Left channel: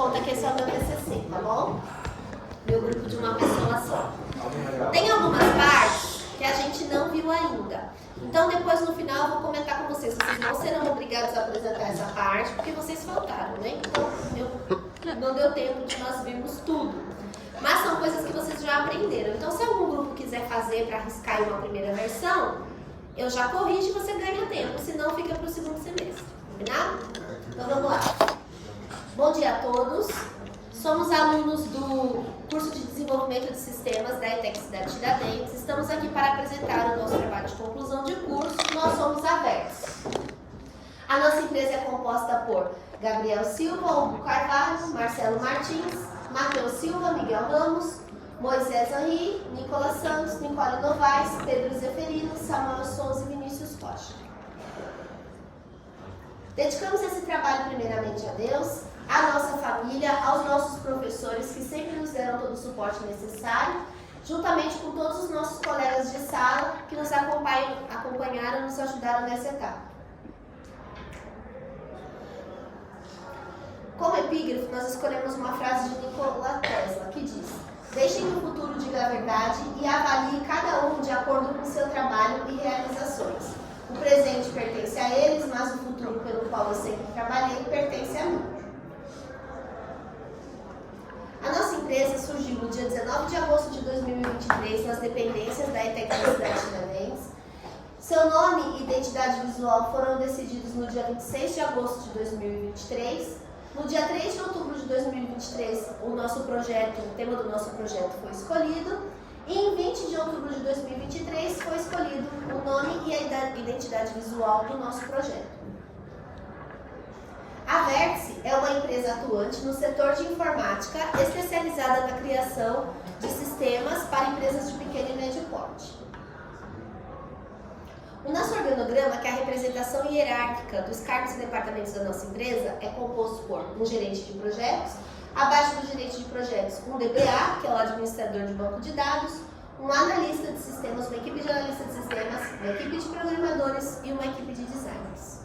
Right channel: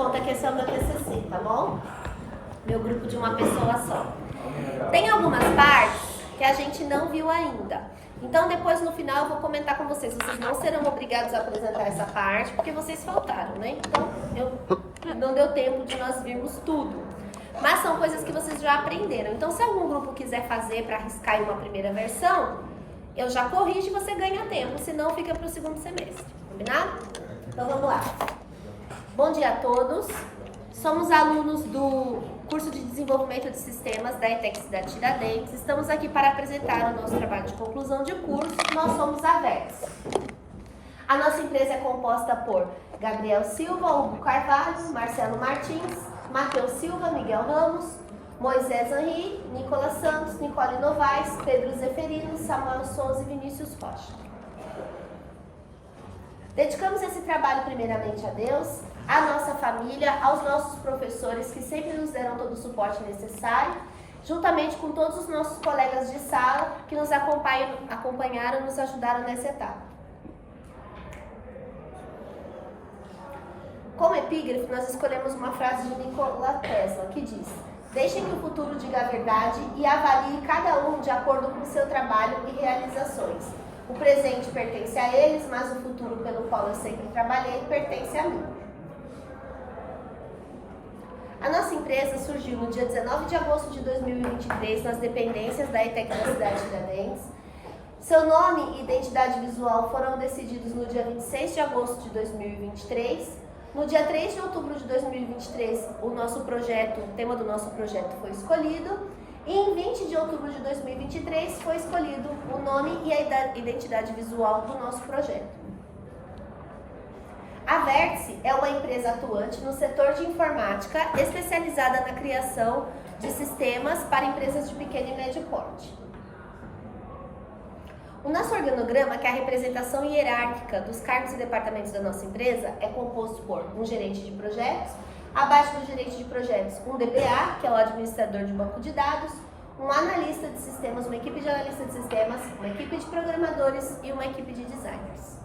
Conta que esse é o meu TCC, tá bom? Meu grupo de uma pessoa só. Tem algumas partes que a gente não viu ainda. Então depois no final eu vou comentar com vocês. Vocês não serão obrigados a apresentar essa parte porque vocês faltaram, né? Então não deu tempo de nós virmos tudo. Mas são coisas que vocês já aprenderam. Então se algum grupo quiser fazer para arriscar em uma primeira versão, eu já corrijo e você ganha tempo. Senão fica para o segundo semestre. Combinado? Então vamos lá. Bom dia a todos. Somos alunos do curso de desenvolvimento de sistemas da ETEC Cidade Tiradentes. Estamos aqui para apresentar o nosso trabalho de conclusão de curso. Nós somos a VERTS. A nossa empresa é composta por Gabriel Silva, Hugo Carvalho, Marcelo Martins, Matheus Silva, Miguel Ramos, Moisés Henri, Nicolas Santos, Nicole Novaes, Pedro Zeferino, Samuel Souza e Vinícius Rocha. Dedicamos esse trabalho primeiramente a Deus, à nossa família, aos nossos professores que sempre nos deram todo o suporte necessário, juntamente com todos os nossos colegas de sala que nos acompanharam e nos ajudaram nessa etapa. Como epígrafe, nós escolhemos uma frase de Nikola Tesla que diz: deixem que o futuro diga a verdade e avalie cada um de acordo com o seu trabalho e realizações. O presente pertence a eles, mas o futuro pelo qual eu sempre trabalhei pertence a mim. A nossa empresa surgiu no dia 19 de agosto de 2023 nas dependências da ETEC da Cidade Tiradentes. Seu nome e identidade visual foram decididos no dia 26 de agosto de 2023. No dia 3 de outubro de 2023, o tema do nosso projeto foi escolhido. E em 20 de outubro de 2023 foi escolhido o nome e a identidade visual do nosso projeto. A Vértice é uma empresa atuante no setor de informática, especializada na criação de sistemas para empresas de pequeno e médio porte. O nosso organograma, que é a representação hierárquica dos cargos e departamentos da nossa empresa, é composto por um gerente de projetos, abaixo do gerente de projetos, um DBA, que é o administrador de banco de dados, um analista de sistemas, uma equipe de analista de sistemas, uma equipe de programadores e uma equipe de designers.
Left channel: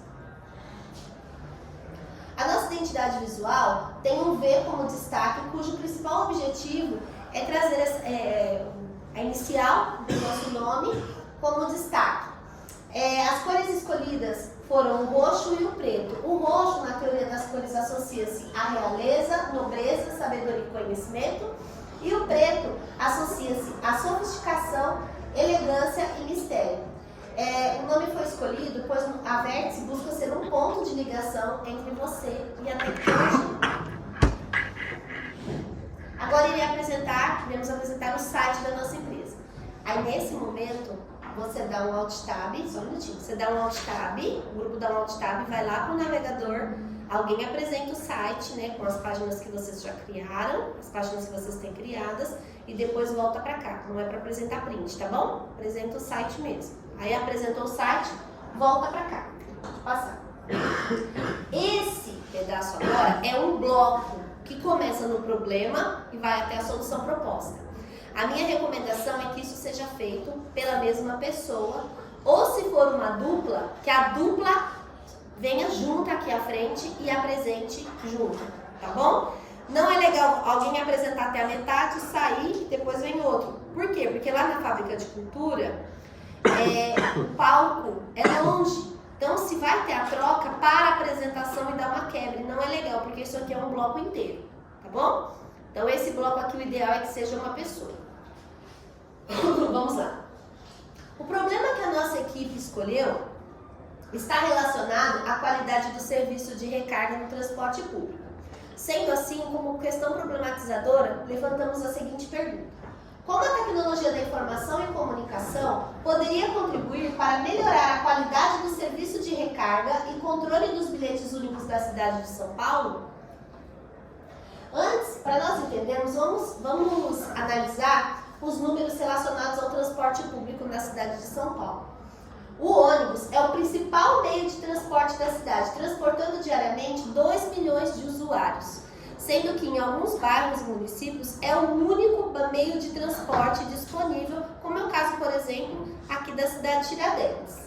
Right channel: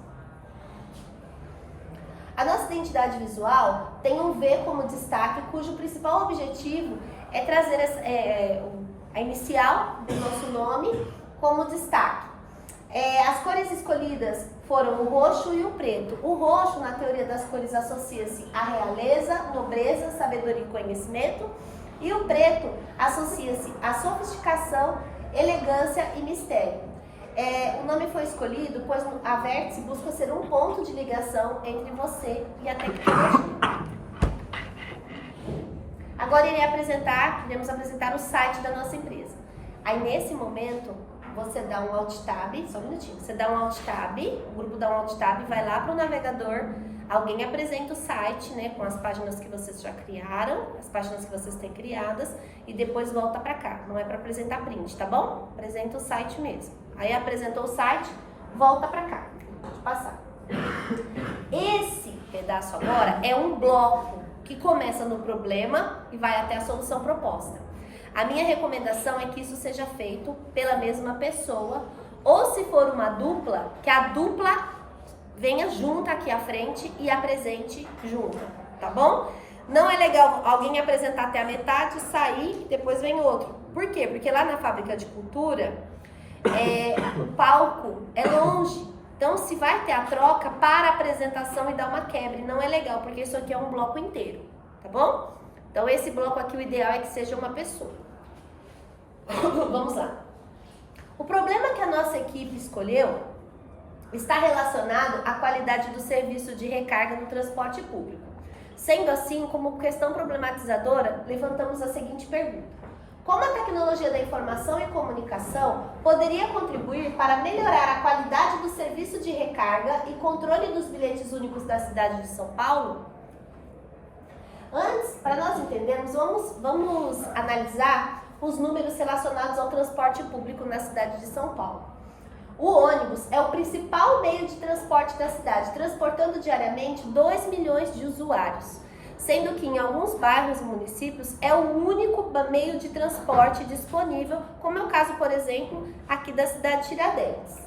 A nossa identidade visual tem um V como destaque, cujo principal objetivo é trazer a inicial do nosso nome como destaque. As cores escolhidas foram o roxo e o preto. O roxo, na teoria das cores, associa-se à realeza, nobreza, sabedoria e conhecimento. E o preto associa-se à sofisticação, elegância e mistério. O nome foi escolhido pois a Vértice busca ser um ponto de ligação entre você e a tecnologia. Agora iremos apresentar o site da nossa empresa. Aí nesse momento, você dá um Alt Tab, só um minutinho, você dá um Alt Tab, o grupo dá um Alt Tab, vai lá para o navegador, alguém apresenta o site, né, com as páginas que vocês já criaram, as páginas que vocês têm criadas, e depois volta para cá, não é para apresentar print, tá bom? Apresenta o site mesmo. Aí apresentou o site, volta para cá, pode passar. Esse pedaço agora é um bloco que começa no problema e vai até a solução proposta. A minha recomendação é que isso seja feito pela mesma pessoa, ou se for uma dupla, que a dupla venha junto aqui à frente e apresente junto, tá bom? Não é legal alguém apresentar até a metade, sair, depois vem outro. Por quê? Porque lá na fábrica de cultura, o palco é longe. Então, se vai ter a troca, para a apresentação e dá uma quebra. E não é legal, porque isso aqui é um bloco inteiro, tá bom? Então, esse bloco aqui, o ideal é que seja uma pessoa. Vamos lá. O problema que a nossa equipe escolheu está relacionado à qualidade do serviço de recarga no transporte público. Sendo assim, como questão problematizadora, levantamos a seguinte pergunta: como a tecnologia da informação e comunicação poderia contribuir para melhorar a qualidade do serviço de recarga e controle dos bilhetes únicos da cidade de São Paulo? Antes, para nós entendermos, vamos analisar os números relacionados ao transporte público na cidade de São Paulo. O ônibus é o principal meio de transporte da cidade, transportando diariamente 2 milhões de usuários, sendo que em alguns bairros e municípios é o único meio de transporte disponível, como é o caso, por exemplo, aqui da cidade de Tiradentes.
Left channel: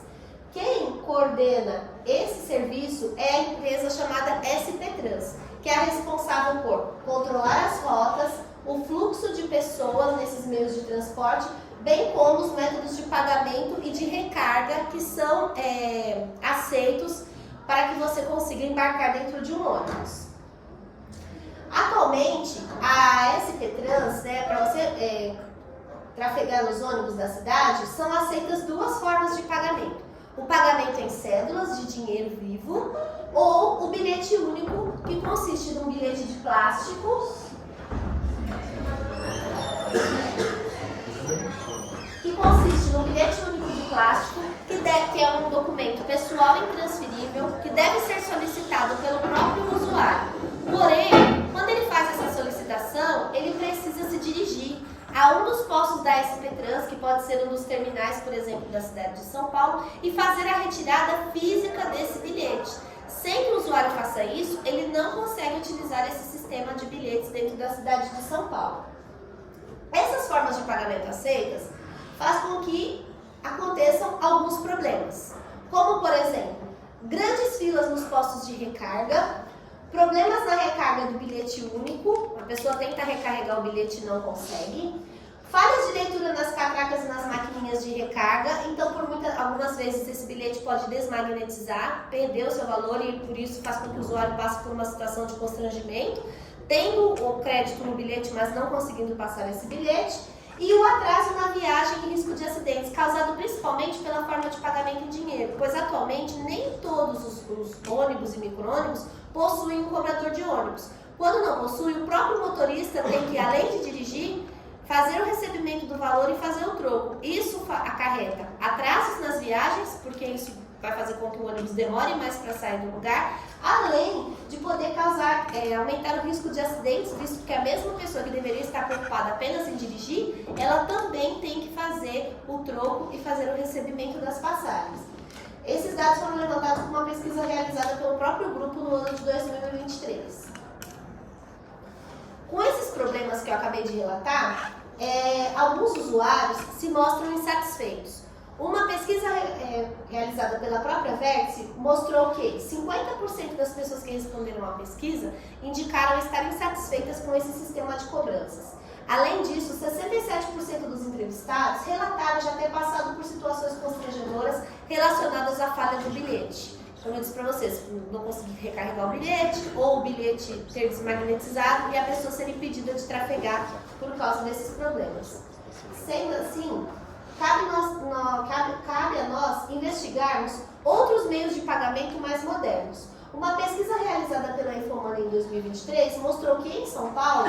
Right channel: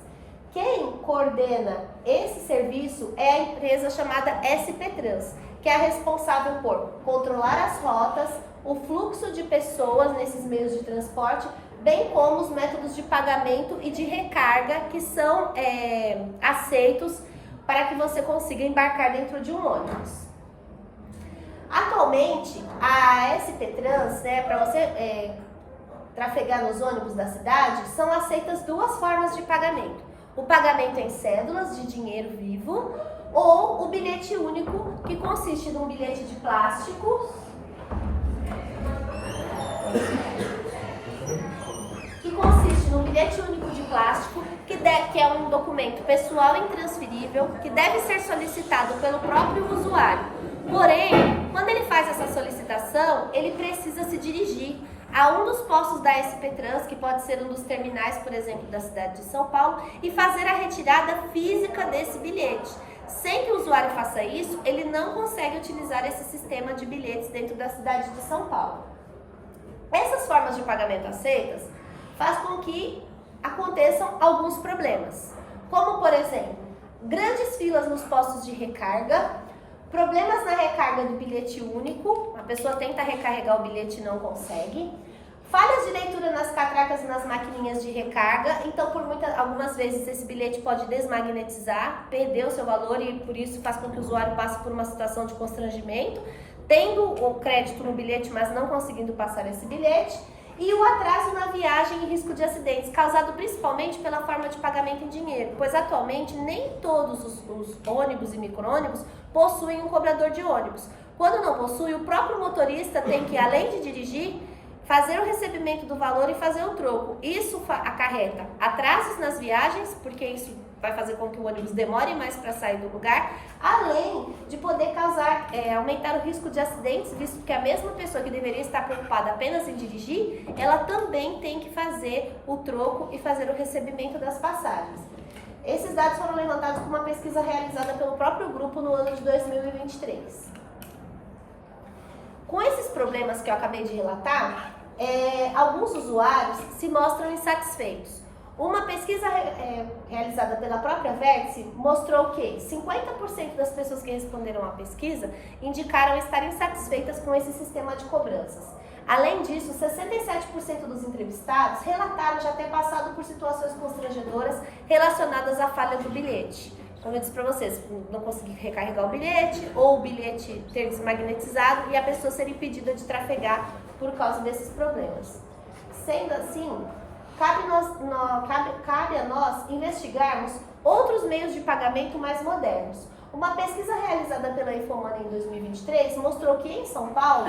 Quem coordena esse serviço é a empresa chamada SP Trans, que que é a responsável por controlar as rotas, o fluxo de pessoas nesses meios de transporte, bem como os métodos de pagamento e de recarga que são aceitos para que você consiga embarcar dentro de um ônibus. Atualmente, a SP Trans, para você trafegar nos ônibus da cidade, são aceitas duas formas de pagamento. O pagamento em cédulas de dinheiro vivo ou o bilhete único, que consiste num bilhete de plástico que é um documento pessoal intransferível que deve ser solicitado pelo próprio usuário. Porém, quando ele faz essa solicitação, ele precisa se dirigir a um dos postos da SP Trans, que pode ser um dos terminais, por exemplo, da cidade de São Paulo, e fazer a retirada física desse bilhete. Sem que o usuário faça isso, ele não consegue utilizar esse sistema de bilhetes dentro da cidade de São Paulo. Essas formas de pagamento aceitas faz com que aconteçam alguns problemas, como, por exemplo, grandes filas nos postos de recarga, problemas na recarga do bilhete único, a pessoa tenta recarregar o bilhete e não consegue, falhas de leitura nas catracas e nas maquininhas de recarga, então algumas vezes esse bilhete pode desmagnetizar, perder o seu valor e por isso faz com que o usuário passe por uma situação de constrangimento, tendo o crédito no bilhete, mas não conseguindo passar esse bilhete, e o atraso na viagem e risco de acidentes, causado principalmente pela forma de pagamento em dinheiro, pois atualmente nem todos os ônibus e micro-ônibus possuem um cobrador de ônibus. Quando não possui, o próprio motorista tem que, além de dirigir, fazer o recebimento do valor e fazer o troco. Isso acarreta atrasos nas viagens, porque isso vai fazer com que o ônibus demore mais para sair do lugar, além de poder aumentar o risco de acidentes, visto que a mesma pessoa que deveria estar preocupada apenas em dirigir, ela também tem que fazer o troco e fazer o recebimento das passagens. Esses dados foram levantados por uma pesquisa realizada pelo próprio grupo no ano de 2023. Com esses problemas que eu acabei de relatar, alguns usuários se mostram insatisfeitos. Uma pesquisa realizada pela própria Vértice mostrou que 50% das pessoas que responderam à pesquisa indicaram estar insatisfeitas com esse sistema de cobranças. Além disso, 67% dos entrevistados relataram já ter passado por situações constrangedoras relacionadas à falha do bilhete. Como eu disse para vocês, não conseguir recarregar o bilhete ou o bilhete ter desmagnetizado e a pessoa ser impedida de trafegar por causa desses problemas. Sendo assim, cabe a nós investigarmos outros meios de pagamento mais modernos. Uma pesquisa realizada pela Infomoney em 2023 mostrou que em São Paulo,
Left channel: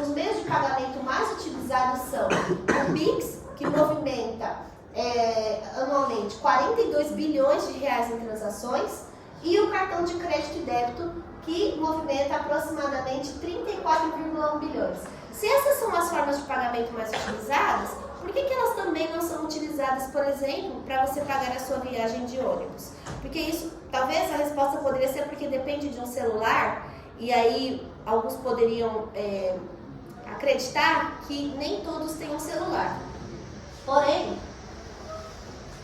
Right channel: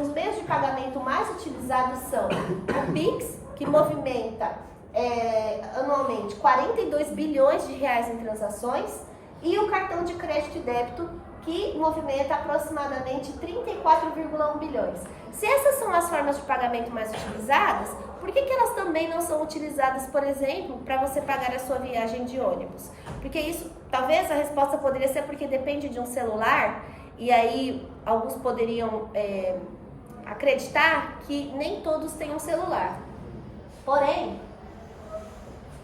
os meios de pagamento mais utilizados são o Pix, que movimenta anualmente 42 bilhões de reais em transações, e o cartão de crédito e débito, que movimenta aproximadamente 34,1 bilhões. Se essas são as formas de pagamento mais utilizadas, por que elas também não são utilizadas, por exemplo, para você pagar a sua viagem de ônibus? Porque isso, talvez a resposta poderia ser porque depende de um celular, e aí alguns poderiam acreditar que nem todos têm um celular. Porém,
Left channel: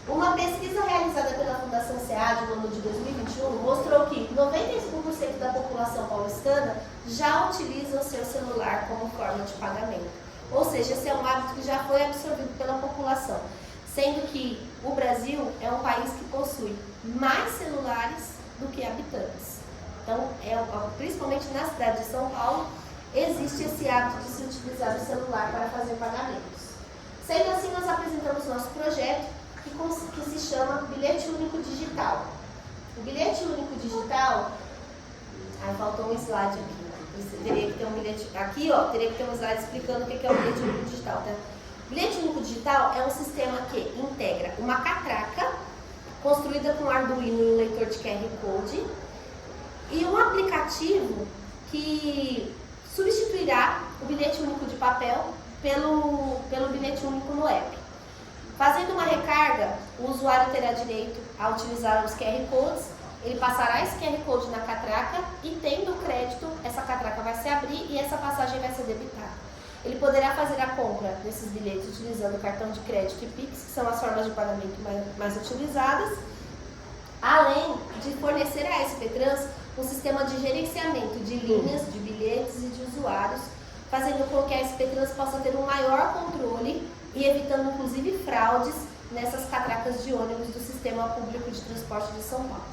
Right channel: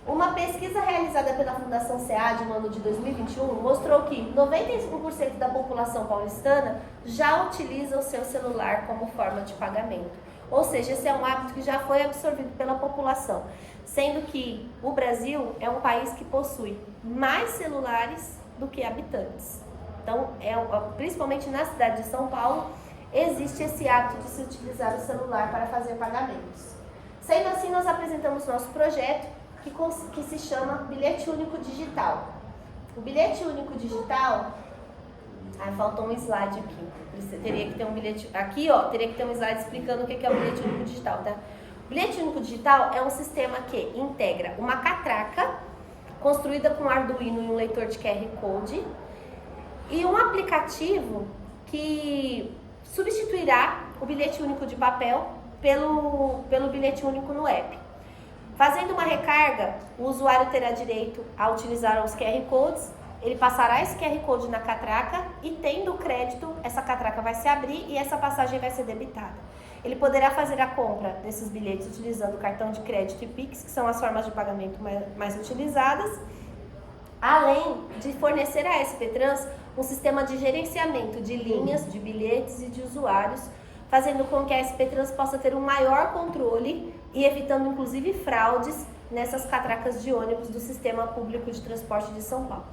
uma pesquisa realizada pela Fundação SEAD no ano de 2021 mostrou que 95% da população paulistana já utiliza o seu celular como forma de pagamento. Ou seja, esse é um hábito que já foi absorvido pela população, sendo que o Brasil é um país que possui mais celulares do que habitantes. Então, principalmente na cidade de São Paulo, existe esse hábito de se utilizar o celular para fazer pagamentos. Sendo assim, nós apresentamos nosso projeto, que se chama Bilhete Único Digital. O Bilhete Único Digital... faltou um slide aqui. Teria que ter um bilhete... Aqui, teria que ter um slide explicando o que é o Bilhete Único Digital, tá? O Bilhete Único Digital é um sistema que integra uma catraca construída com Arduino e um leitor de QR Code e um aplicativo que substituirá o bilhete único de papel pelo bilhete único no app. Fazendo uma recarga, o usuário terá direito a utilizar os QR Codes, ele passará esse QR Code na catraca e, tendo crédito, essa catraca vai se abrir e essa passagem vai ser debitada. Ele poderá fazer a compra desses bilhetes utilizando cartão de crédito e Pix, que são as formas de pagamento mais utilizadas, além de fornecer à SP Trans um sistema de gerenciamento de linhas, de bilhetes e de usuários, fazendo com que a SP Trans possa ter um maior controle e evitando inclusive fraudes nessas catracas de ônibus do Sistema Público de Transporte de São Paulo.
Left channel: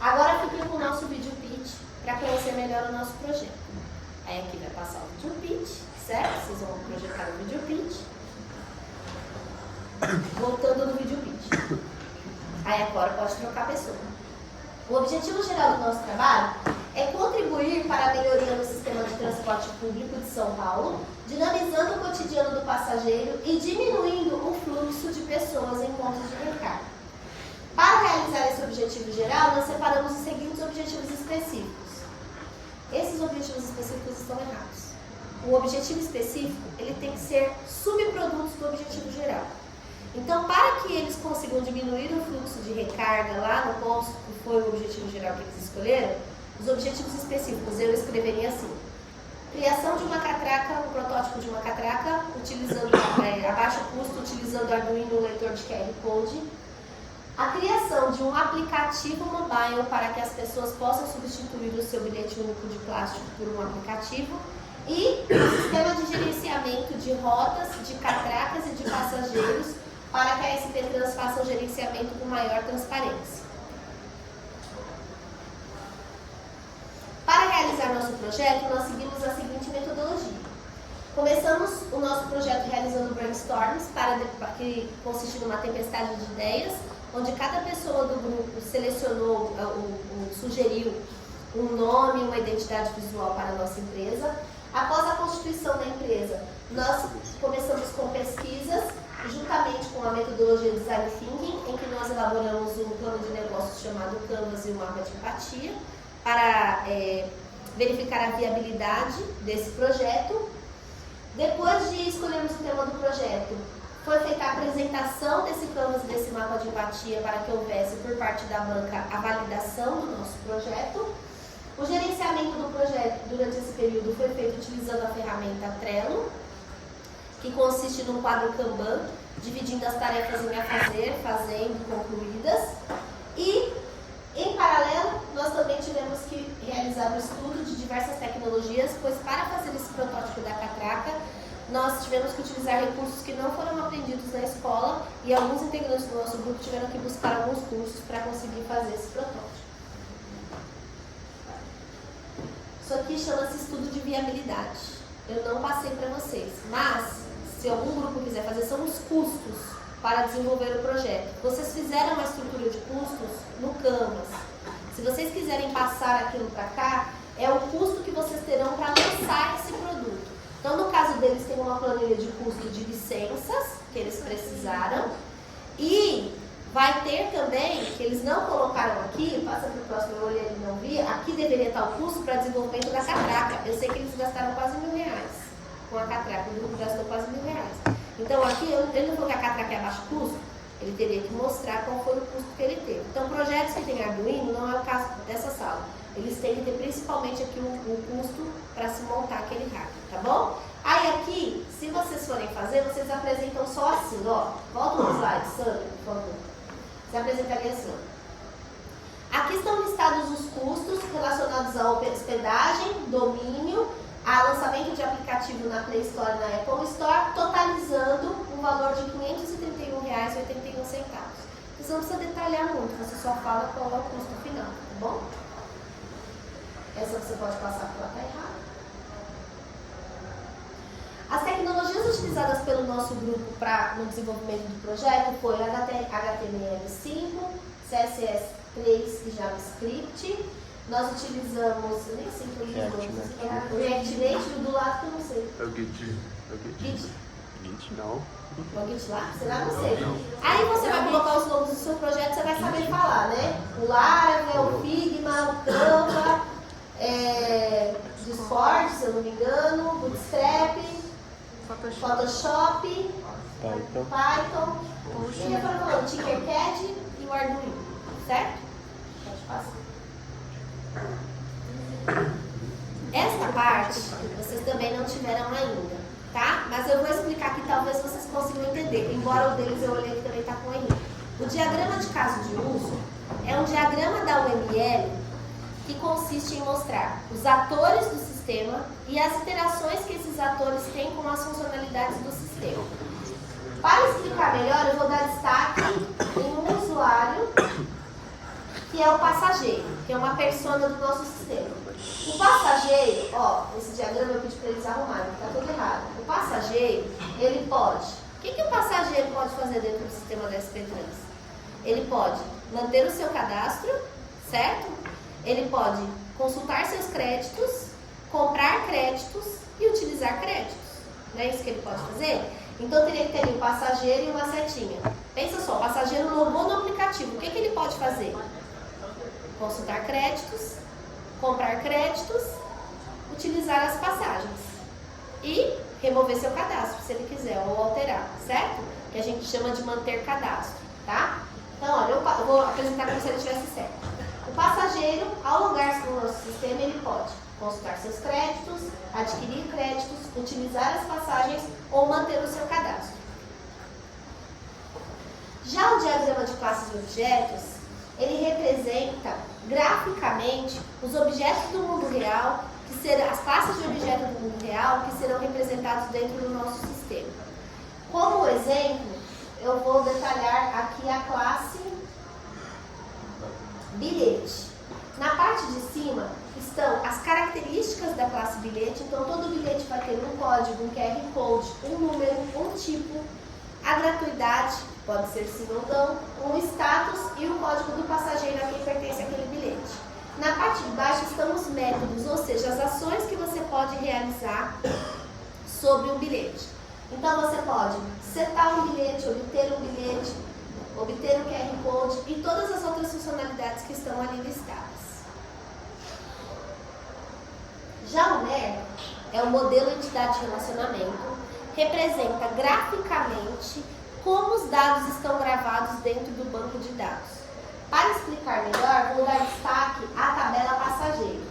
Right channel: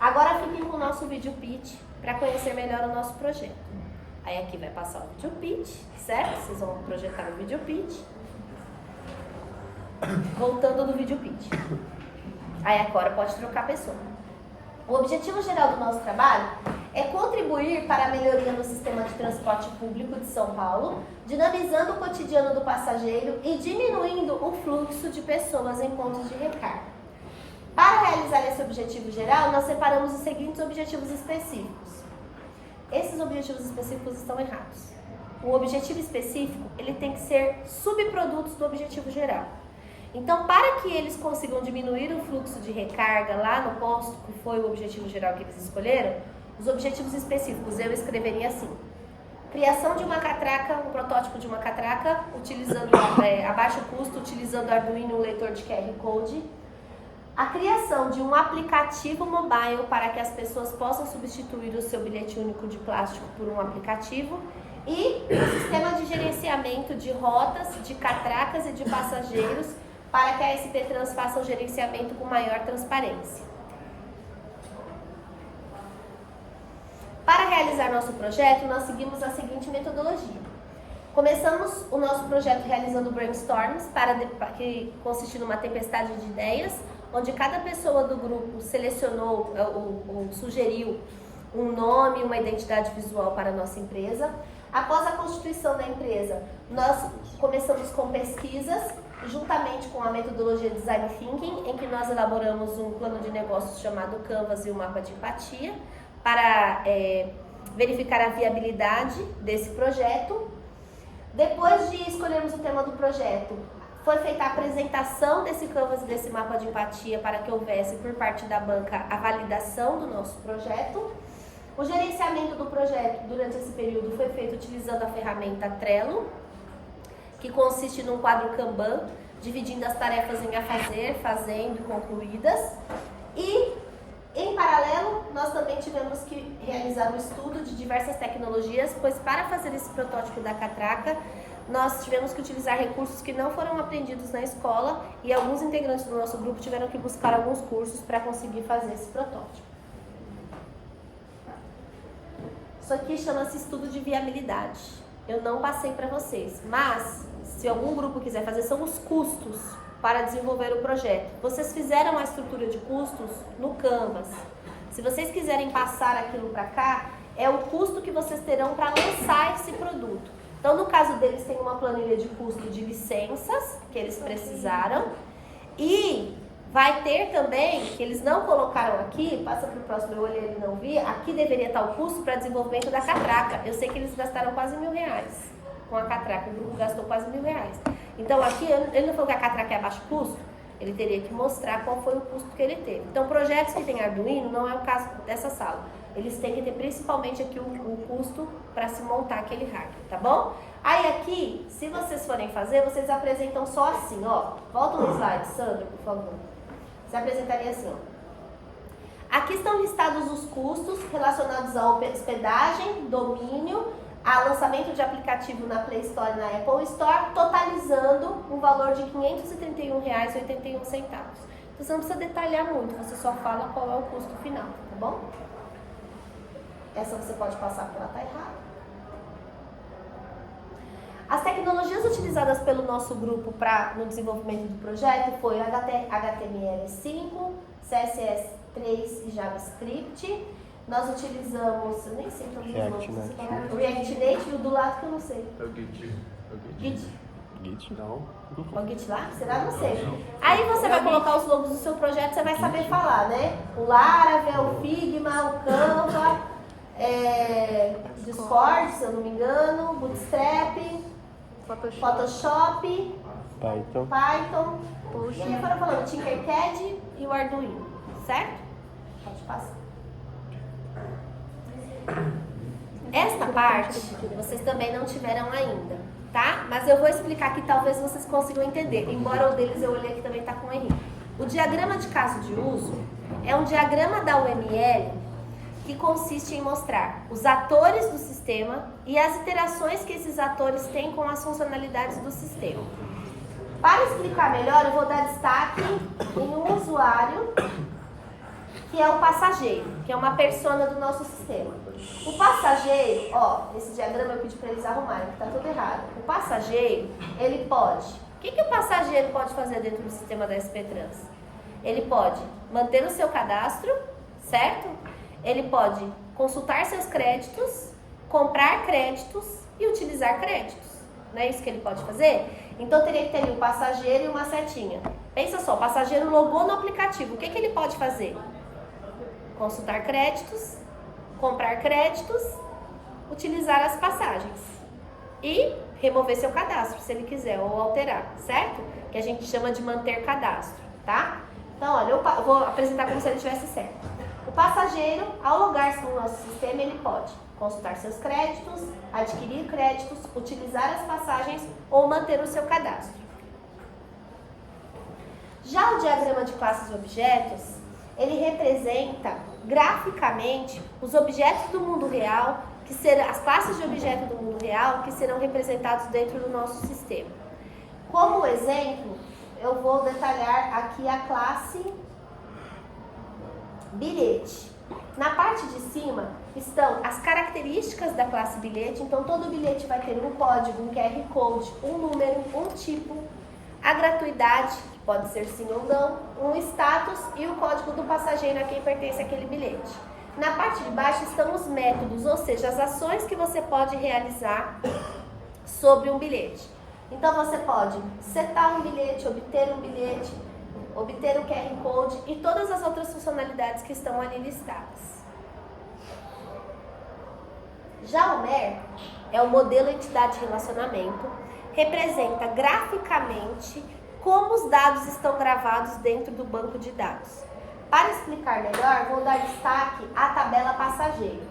Agora fiquem com o nosso vídeo pitch para conhecer melhor o nosso projeto. Aí aqui vai passar o vídeo pitch, certo? Vocês vão projetar o vídeo pitch. Voltando no vídeo pitch. Aí agora pode trocar a pessoa. O objetivo geral do nosso trabalho é contribuir para a melhoria no sistema de transporte público de São Paulo, dinamizando o cotidiano do passageiro e diminuindo o fluxo de pessoas em pontos de recarga. Para realizar esse objetivo geral, nós separamos os seguintes objetivos específicos. Esses objetivos específicos estão errados. O objetivo específico, ele tem que ser subprodutos do objetivo geral. Então, para que eles consigam diminuir o fluxo de recarga lá no posto, que foi o objetivo geral que eles escolheram, os objetivos específicos eu escreveria assim: criação de uma catraca, um protótipo de uma catraca, utilizando a baixo custo, utilizando Arduino, um leitor de QR Code. A criação de um aplicativo mobile para que as pessoas possam substituir o seu bilhete único de plástico por um aplicativo. E um sistema de gerenciamento de rotas, de catracas e de passageiros para que a SP Trans faça um gerenciamento com maior transparência. Para realizar nosso projeto, nós seguimos a seguinte metodologia. Começamos o nosso projeto realizando brainstorms, que consiste numa tempestade de ideias, onde cada pessoa do grupo selecionou ou sugeriu um nome, uma identidade visual para a nossa empresa. Após a constituição da empresa, nós começamos com pesquisas, juntamente com a metodologia Design Thinking, em que nós elaboramos um plano de negócios chamado Canvas e o mapa de empatia, para verificar a viabilidade desse projeto. Depois de escolhermos o tema do projeto, foi feita a apresentação desse Canvas, desse mapa de empatia, para que houvesse, por parte da banca, a validação do nosso projeto. O gerenciamento do projeto durante esse período foi feito utilizando a ferramenta Trello, que consiste num quadro Kanban, dividindo as tarefas em a fazer, fazendo e concluídas. E, em paralelo, nós também tivemos que realizar um estudo de diversas tecnologias, pois para fazer esse protótipo da catraca, nós tivemos que utilizar recursos que não foram aprendidos na escola e alguns integrantes do nosso grupo tiveram que buscar alguns cursos para conseguir fazer esse protótipo. Isso aqui chama-se estudo de viabilidade. Eu não passei para vocês, mas se algum grupo quiser fazer, são os custos para desenvolver o projeto. Vocês fizeram a estrutura de custos no Canvas. Se vocês quiserem passar aquilo para cá, é o custo que vocês terão para lançar esse produto. Então, no caso deles, tem uma planilha de custo de licenças que eles precisaram. E vai ter também, que eles não colocaram aqui, passa para o próximo, eu olhei e não vi, aqui deveria estar o custo para desenvolvimento da catraca. Eu sei que eles gastaram quase R$1.000 com a catraca, o grupo gastou quase R$1.000. Então, aqui, ele não falou que a catraca é a baixo custo, ele teria que mostrar qual foi o custo que ele teve. Então, projetos que têm Arduino não é o caso dessa sala. Eles têm que ter principalmente aqui o custo para se montar aquele hardware, tá bom? Aí aqui, se vocês forem fazer, vocês apresentam só assim, ó. Volta no slide, Sandra, por favor. Você apresentaria assim, ó. Aqui estão listados os custos relacionados à hospedagem, domínio, a lançamento de aplicativo na Play Store e na Apple Store, totalizando um valor de R$531,81. Você não precisa detalhar muito, você só fala qual é o custo final, tá bom? Essa você pode passar porque ela está errada. As tecnologias utilizadas pelo nosso grupo no desenvolvimento do projeto foi HTML5, CSS3 e JavaScript. Nós utilizamos, eu nem sei qual é o React Native, do lado que eu não sei. É o Git. Git? Não. O GitLab? Será? Não sei. Aí você vai colocar os logos do seu projeto, você vai saber falar, né? O Laravel, o Figma, o Canva, Discord, se eu não me engano, Bootstrap, Photoshop, Python. E eu estava falando Tinkercad e o Arduino, certo? Pode passar. Esta parte vocês também não tiveram ainda, tá? Mas eu vou explicar que talvez vocês consigam entender, embora o deles eu olhei que também está com erro. O diagrama de caso de uso é um diagrama da UML que consiste em mostrar os atores do sistema e as interações que esses atores têm com as funcionalidades do sistema. Para explicar melhor, eu vou dar destaque em um usuário, que é o passageiro, que é uma persona do nosso sistema. O passageiro, ó, esse diagrama eu pedi para eles arrumarem, está tudo errado. O passageiro, ele pode... O que o passageiro pode fazer dentro do sistema da SP Trans? Ele pode manter o seu cadastro, certo? Ele pode consultar seus créditos, comprar créditos e utilizar créditos. Não é isso que ele pode fazer? Então teria que ter ali um passageiro e uma setinha. Pensa só, o passageiro logou no aplicativo. O que ele pode fazer? Consultar créditos, comprar créditos, utilizar as passagens e remover seu cadastro, se ele quiser, ou alterar, certo? Que a gente chama de manter cadastro, tá? Então, olha, eu vou apresentar como se ele tivesse certo. O passageiro, ao logar-se no nosso sistema, ele pode consultar seus créditos, adquirir créditos, utilizar as passagens ou manter o seu cadastro. Já o diagrama de classes e objetos, ele representa graficamente os objetos do mundo real, que serão as classes de objetos do mundo real que serão representados dentro do nosso sistema. Como exemplo, eu vou detalhar aqui a classe bilhete. Na parte de cima estão as características da classe bilhete, então todo bilhete vai ter um código, um QR Code, um número, um tipo, a gratuidade, pode ser sim ou não, um status e o código do passageiro a quem pertence aquele bilhete. Na parte de baixo estão os métodos, ou seja, as ações que você pode realizar sobre um bilhete. Então você pode setar um bilhete, obter um bilhete, obter o QR Code e todas as outras funcionalidades que estão ali listadas. Já o MER é o modelo entidade de relacionamento, representa graficamente como os dados estão gravados dentro do banco de dados. Para explicar melhor, vou dar destaque à tabela passageiro.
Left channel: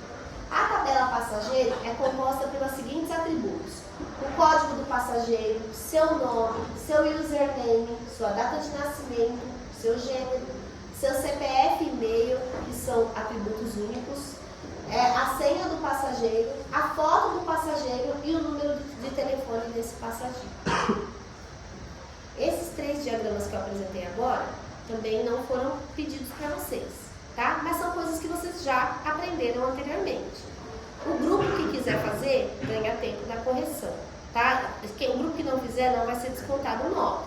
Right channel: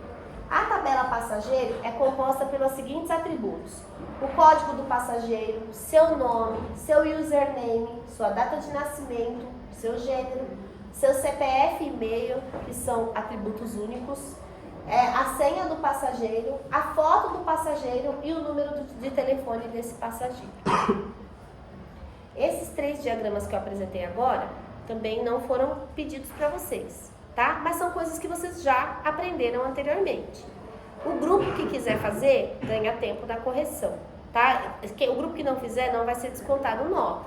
A tabela passageiro é composta pelos seguintes atributos: o código do passageiro, seu nome, seu username, sua data de nascimento, seu gênero, seu CPF e e-mail, que são atributos únicos, a senha do passageiro, a foto do passageiro e o número de telefone desse passageiro. Esses 3 diagramas que eu apresentei agora também não foram pedidos para vocês, tá? Mas são coisas que vocês já aprenderam anteriormente. O grupo que quiser fazer, ganha tempo da correção, tá? O grupo que não fizer, não vai ser descontado nota.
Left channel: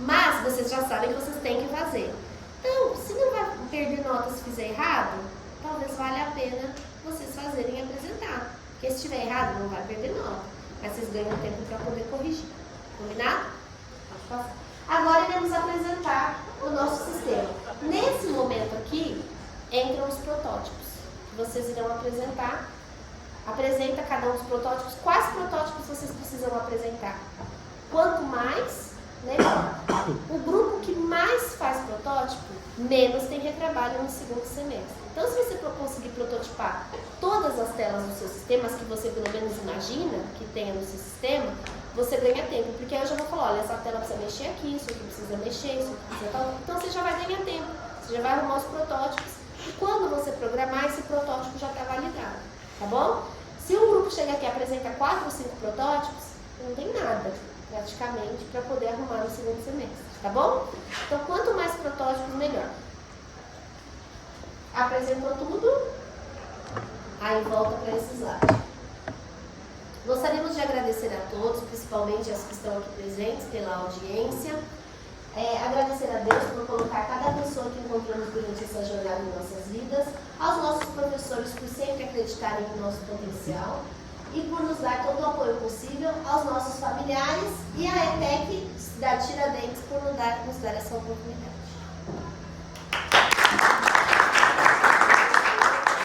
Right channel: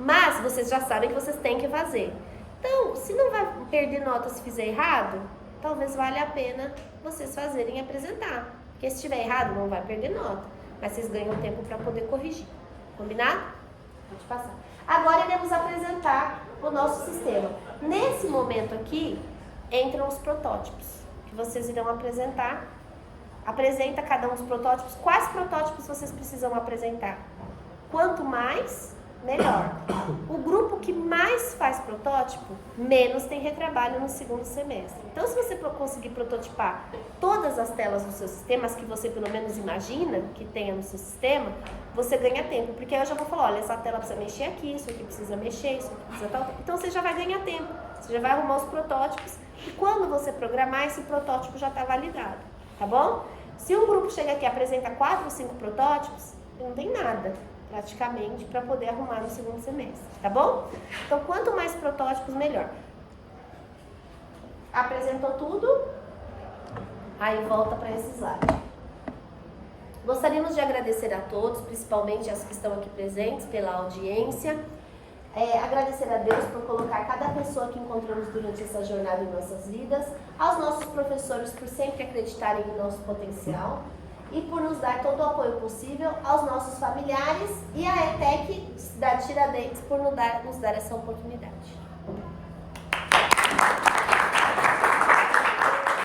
Mas vocês já sabem que vocês têm que fazer. Então, se não vai perder nota se fizer errado, talvez valha a pena vocês fazerem e apresentar. Porque se estiver errado, não vai perder nota. Mas vocês ganham tempo para poder corrigir. Combinado? Pode passar. Agora iremos apresentar o nosso sistema. Nesse momento aqui, entram os protótipos, que vocês irão apresentar. Apresenta cada um dos protótipos. Quais protótipos vocês precisam apresentar? Quanto mais, melhor. O grupo que mais faz protótipo, menos tem retrabalho no segundo semestre. Então, se você conseguir prototipar todas as telas do seu sistema, as que você pelo menos imagina que tenha no seu sistema, você ganha tempo. Porque aí eu já vou falar, olha, essa tela precisa mexer aqui, isso aqui precisa mexer, isso aqui precisa tal. Então, você já vai ganhar tempo. Você já vai arrumar os protótipos. E quando você programar, esse protótipo já está validado. Tá bom? Se um grupo chega aqui e apresenta 4 ou 5 protótipos, não tem nada, praticamente, para poder arrumar no segundo semestre, tá bom? Então, quanto mais protótipos, melhor. Apresentou tudo, aí volta para esse slide. Gostaríamos de agradecer a todos, principalmente as que estão aqui presentes, pela audiência. Agradecer a Deus por colocar cada pessoa que encontramos durante essa jornada em nossas vidas, aos nossos professores por sempre acreditarem no nosso potencial e por nos dar todo o apoio possível, aos nossos familiares e à ETEC da Tiradentes por nos dar essa oportunidade.